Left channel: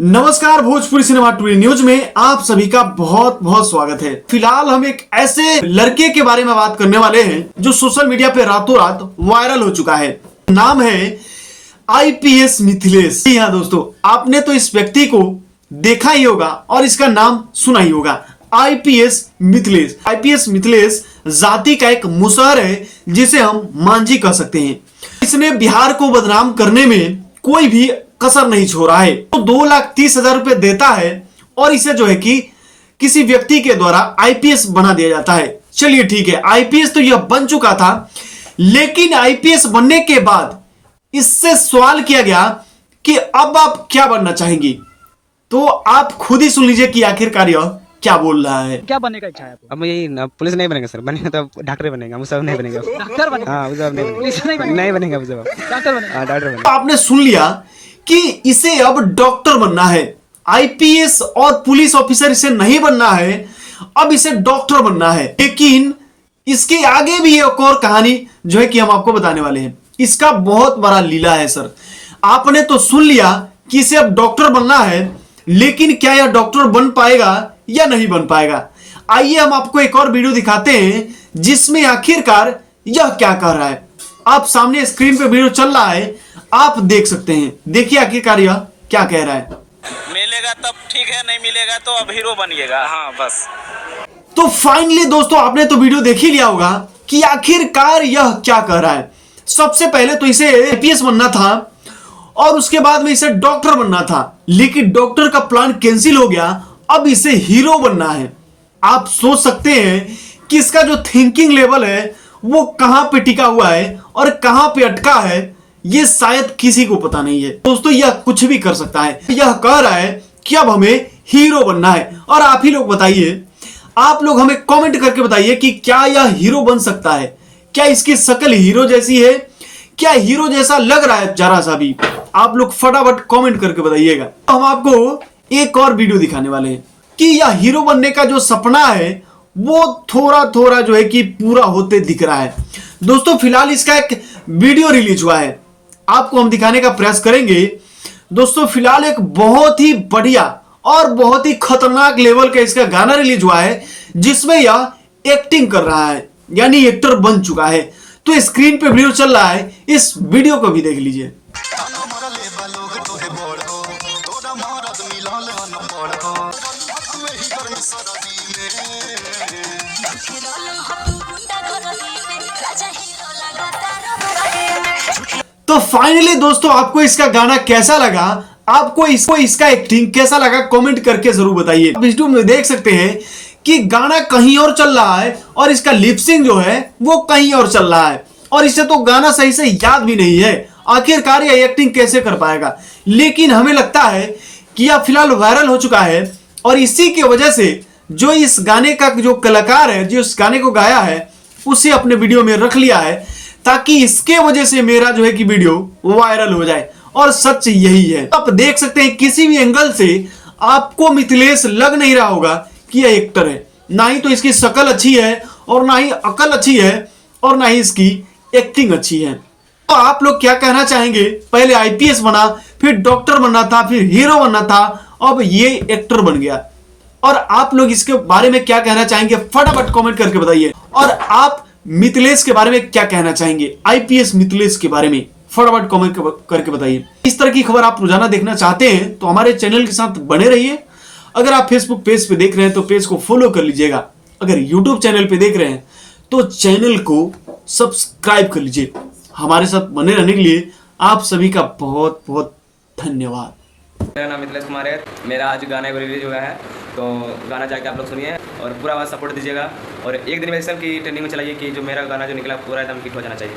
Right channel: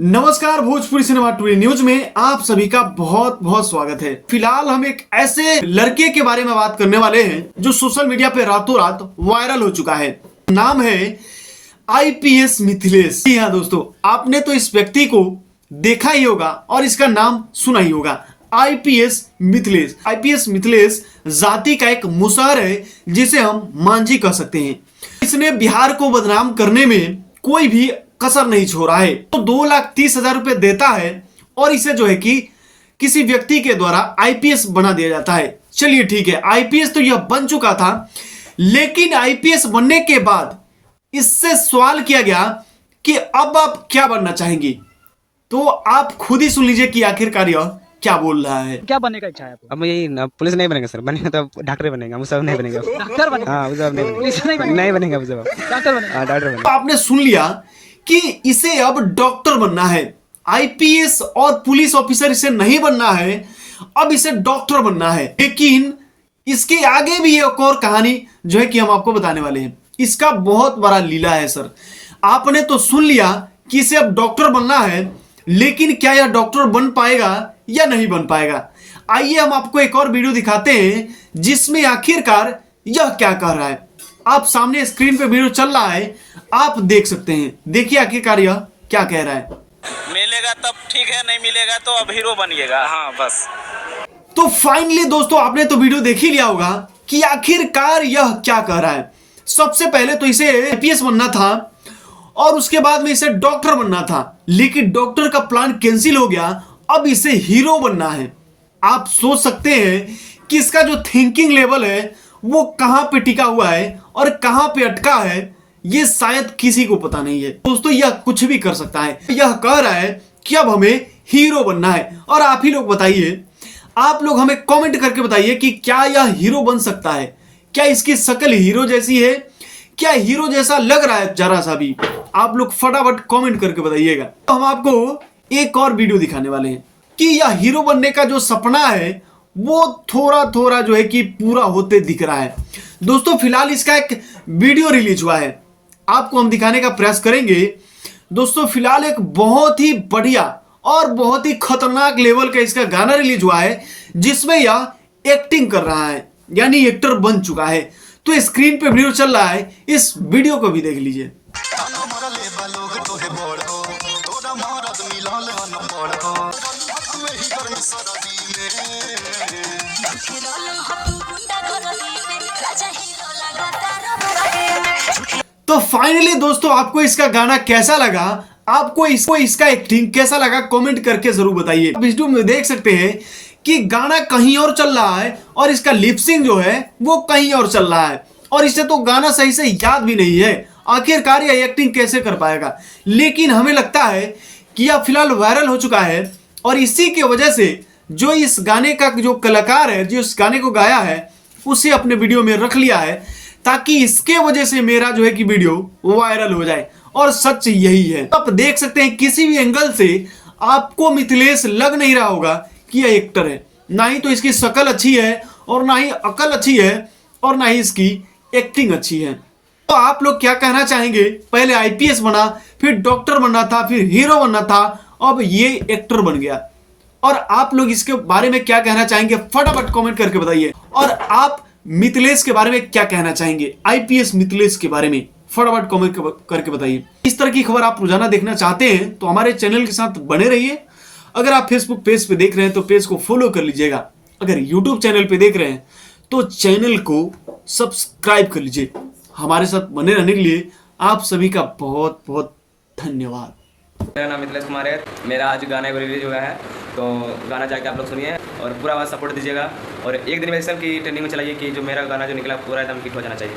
नमस्कार, Bhojpuri cinema today news में आप सभी का बहुत बहुत स्वागत है। फिलहाल हम एक ऐसे लड़के के बारे में बात करने वाले हैं जो सोशल मीडिया पे रातों रात वायरल हो चुका है। नाम है आईपीएस मिथिलेश। जी हाँ दोस्तों, आपने तो इस व्यक्ति को देखा ही होगा और इसका नाम सुना ही होगा, आईपीएस मिथिलेश। आईपीएस मिथिलेश जाति का एक मुसहर है जिसे हम मांझी कह सकते हैं। इसने बिहार को बदनाम करने में कोई भी कसर नहीं छोड़ा है। तो 2,30,000 रुपए देता है और इसे जो है कि किसी व्यक्ति के द्वारा आईपीएस बना दिया जाता है। चलिए ठीक है, आईपीएस तो यह बन चुका था, लेकिन आईपीएस बनने के बाद इससे सवाल किया गया कि अब आप क्या बनना चाहेंगी। तो आप खुद ही सुन लीजिए कि आखिरकार यह क्या बोल रहा है। क्या बनने का इच्छा है आपको? अब यही पुलिस नहीं बनेगा सर, बनेगा तो डॉक्टर बनेगा, वो सब नहीं बनेगा। डॉक्टर बनेगा? हाँ, वो सब नहीं पुलिस नहीं बनेगा, नहीं बनेगा वो सब, डॉक्टर बनेगा। हाँ डॉक्टर बनेगा। आपने सुन लिया कि इसे अब डॉक्टर बनना है। आईपीएस और पुलिस ऑफिसर इसे नहीं बनना है, अब इसे डॉक्टर बनना है। लेकिन इसके आगे भी एक और कहानी जो है कि हम आपको बताने वाले हैं। इसका बहुत बड़ा लीला है सर। आपने तो सुन लिया कि इसे अब डॉक्टर बनना है, लेकिन क्या यह डॉक्टर बन पाएगा या नहीं बन पाएगा। आइए हम आपको एक और वीडियो दिखाते हैं जिसमें आखिरकार यह क्या कह रहा है। आप सामने स्क्रीन पे वीडियो चल रहा है, आप देख सकते हैं। देखिए आखिरकार यह क्या कह रहा है। मिलेगा तब ठीक है, नहीं मिलेगा तो अब हीरो बनिएगा। हाँ बस। तो फाइनली दोस्तों, आपने तो वीडियो देख ही लिया होगा कि आखिरकार यह क्या कह रहा है। सबसे पहले तो इसे आईपीएस बनना था और उसके बाद में इसे डॉक्टर बनना था, लेकिन डॉक्टर का प्लान कैंसिल हो गया। अब इसे हीरो बनना है। आप सोच सकते हैं कि इसका जो थिंकिंग लेवल है वो कहां पे टिका हुआ है और कहां पे अटका है, ये शायद किसी को पता नहीं है। दोस्तों, यह कुछ भी कर सकता है। यह कह रहा है कि अब हमें हीरो बनना है। और आप ही लोग बताइए, आप लोग हमें कमेंट करके बताइए कि क्या यह हीरो बन सकता है। क्या इसकी शक्ल हीरो जैसी है? क्या हीरो जैसा लग रहा है जरा सा भी? आप लोग फटाफट कमेंट करके बताइएगा। तो हम आपको एक और वीडियो दिखाने वाले हैं कि यह हीरो बनने का जो सपना है वो थोड़ा थोड़ा जो है कि पूरा होते दिख रहा है। दोस्तों, फिलहाल इसका एक वीडियो रिलीज हुआ है, आपको हम दिखाने का प्रयास करेंगे। दोस्तों, फिलहाल एक बहुत ही बढ़िया और बहुत ही खतरनाक लेवल का इसका गाना रिलीज हुआ है जिसमें यह एक्टिंग कर रहा है, यानी एक्टर बन चुका है। तो स्क्रीन पे वीडियो चल रहा है, इस वीडियो को भी देख लीजिए। तो फाइनली दोस्तों, आपको इसका गाना कैसा लगा, आपको इसका एक्टिंग कैसा लगा, कमेंट करके जरूर बताइए। वीडियो में देख सकते हैं कि गाना कहीं और चल रहा है और इसका लिपसिंग जो है वो कहीं और चल रहा है, और इसे तो गाना सही से याद भी नहीं है। आखिरकार यह एक्टिंग कैसे कर पाएगा। लेकिन हमें लगता है कि यह फिलहाल वायरल हो चुका है और इसी की वजह से जो इस गाने का जो कलाकार है, जो इस गाने को गाया है, उसे अपने वीडियो में रख लिया है ताकि इसके वजह से मेरा जो है कि वीडियो वायरल हो जाए। और सच यही है। आप देख सकते हैं किसी भी एंगल से आपको मिथिलेश लग नहीं रहा होगा कि यह एक्टर है। ना ही तो इसकी शक्ल अच्छी है और ना ही अकल अच्छी है और ना ही इसकी एक्टिंग अच्छी है। तो आप लोग क्या कहना चाहेंगे? पहले आईपीएस बना, फिर डॉक्टर बनना था, फिर हीरो बनना था, अब ये एक्टर बन गया। और आप लोग इसके बारे में क्या कहना चाहेंगे? फटाफट कमेंट करके बताइए। और आप मिथिलेश के बारे में क्या कहना चाहेंगे? आईपीएस मिथिलेश के बारे में फटाफट कमेंट करके बताइए। इस तरह की खबर आप रोजाना देखना चाहते हैं तो हमारे चैनल के साथ बने रहिए। अगर आप फेसबुक पेज पे देख रहे हैं तो पेज को फॉलो कर लीजिएगा। अगर यूट्यूब चैनल पे देख रहे हैं तो चैनल को सब्सक्राइब कर लीजिए। हमारे साथ बने रहने के लिए आप सभी का बहुत बहुत धन्यवाद। मेरा नाम मिथिलेश कुमार है। मेरा आज गाना रिलीज हुआ है, तो गाना जाके आप लोग सुनिए और पूरा आवाज़ सपोर्ट दीजिएगा। और एक दिन में सब की ट्रेंडिंग में चलाइए कि जो मेरा गाना जो निकला पूरा एकदम हिट हो जाना चाहिए।